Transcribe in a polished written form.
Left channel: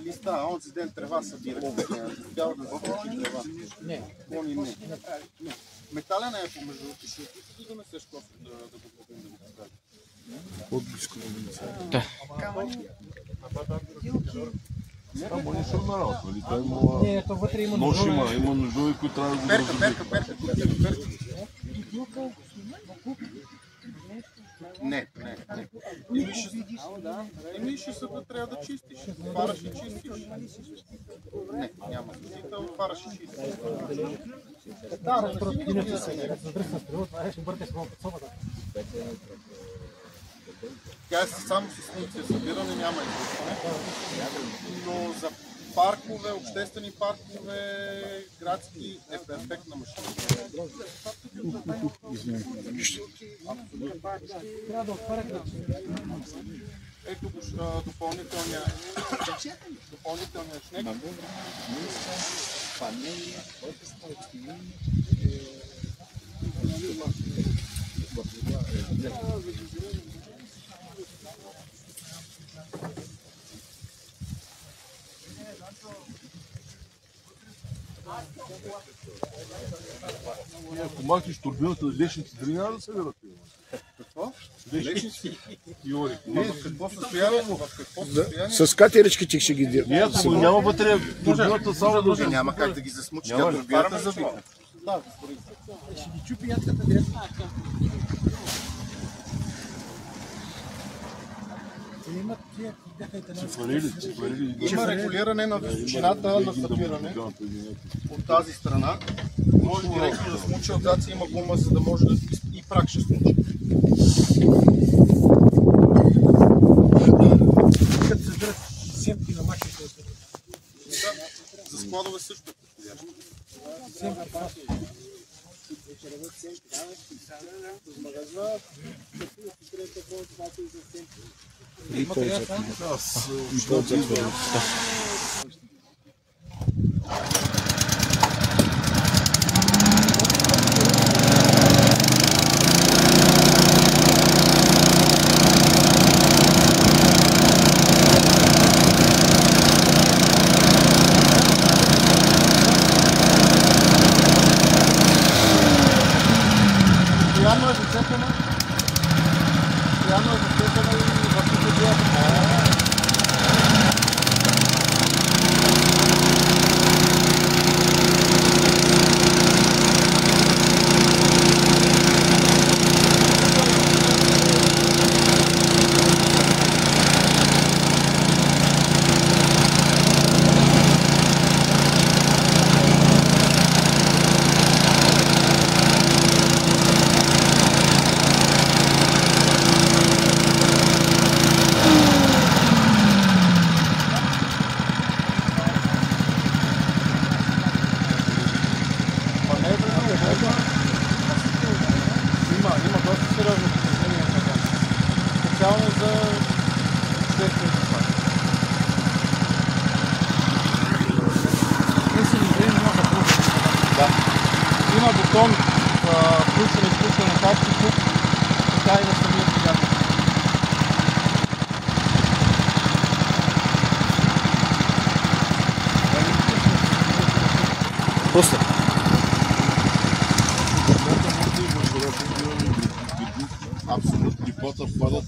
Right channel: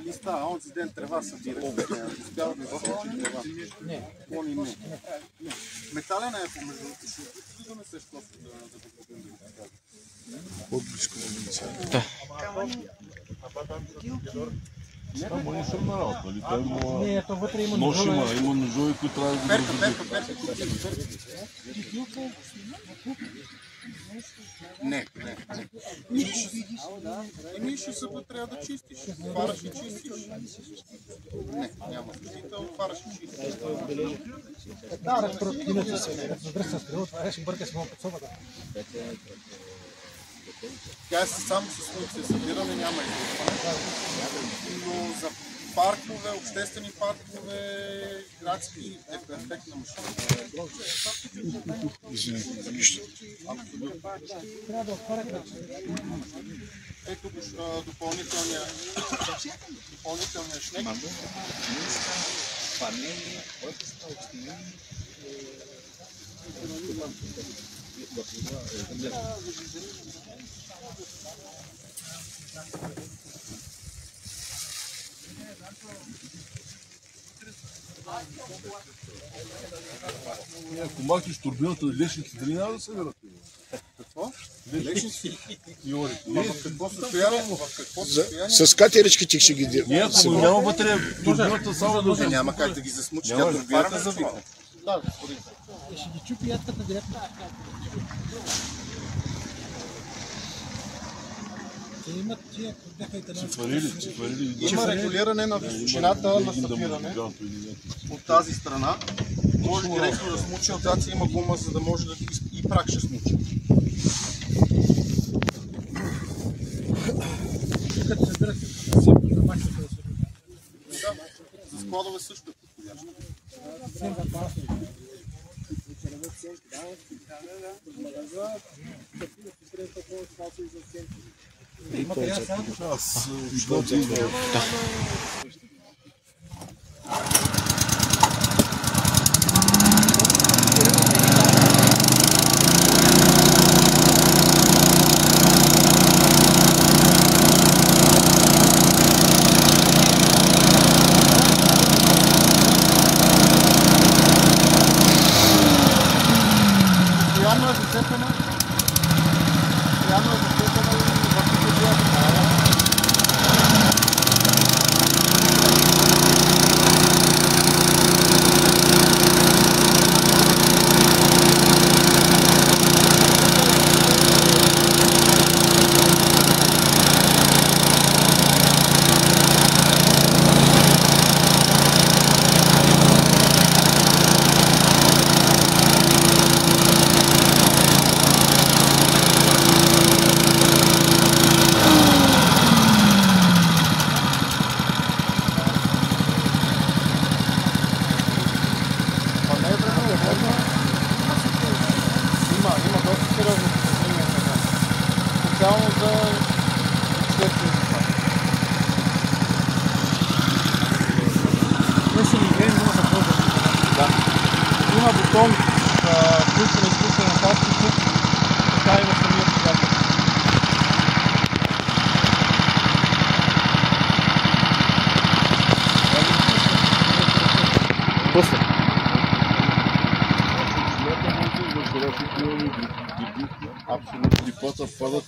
Листа, онзи ден трева събира. Успял да засечи трева. Клони не. Метален е помежду. Ще да донесеш просто да го купим да го поставим. По-близко да не са. Да. Ама не съм на работа, нали? Той Не, то вътре има нож има ножове, които трябва да го Перка. Не. Еми ще се трябва да чистиш. Отваряш и чистиш. Не, няма чистител, отваряш и чистиш. Да, разпротивното се. Разбира се, това ще бърка с малко собата. Тя е само с функция събиране, няма излъчване. Но за паркове, обществени паркове, градски е перфектна машина. Трябва да отварят. Ето го допълнителния шнек. Ако махнеш турбината, лешници дали няма да събират? Какво? Лешници и орите. В какво състояние? С катеричките ще ги дират. Не, ако няма вътре турбината, само да... Няма как да ги засмучи, тя турбината е завита. Да, ще ги чупи ядката директно. Има регулиране на височината на събиране от тази страна. Може директно да смучи, отзад си има гума, за да може да и прак ще смучи. За складове също е подходящо. Постоянно е зацепена и върху подията. Има доста сериозно посещение на това. Специално за обществени паркове. Да. Има бутон включен и изключен на както тук, така и на самия двигател. После. Абсолютно. Дипота впадат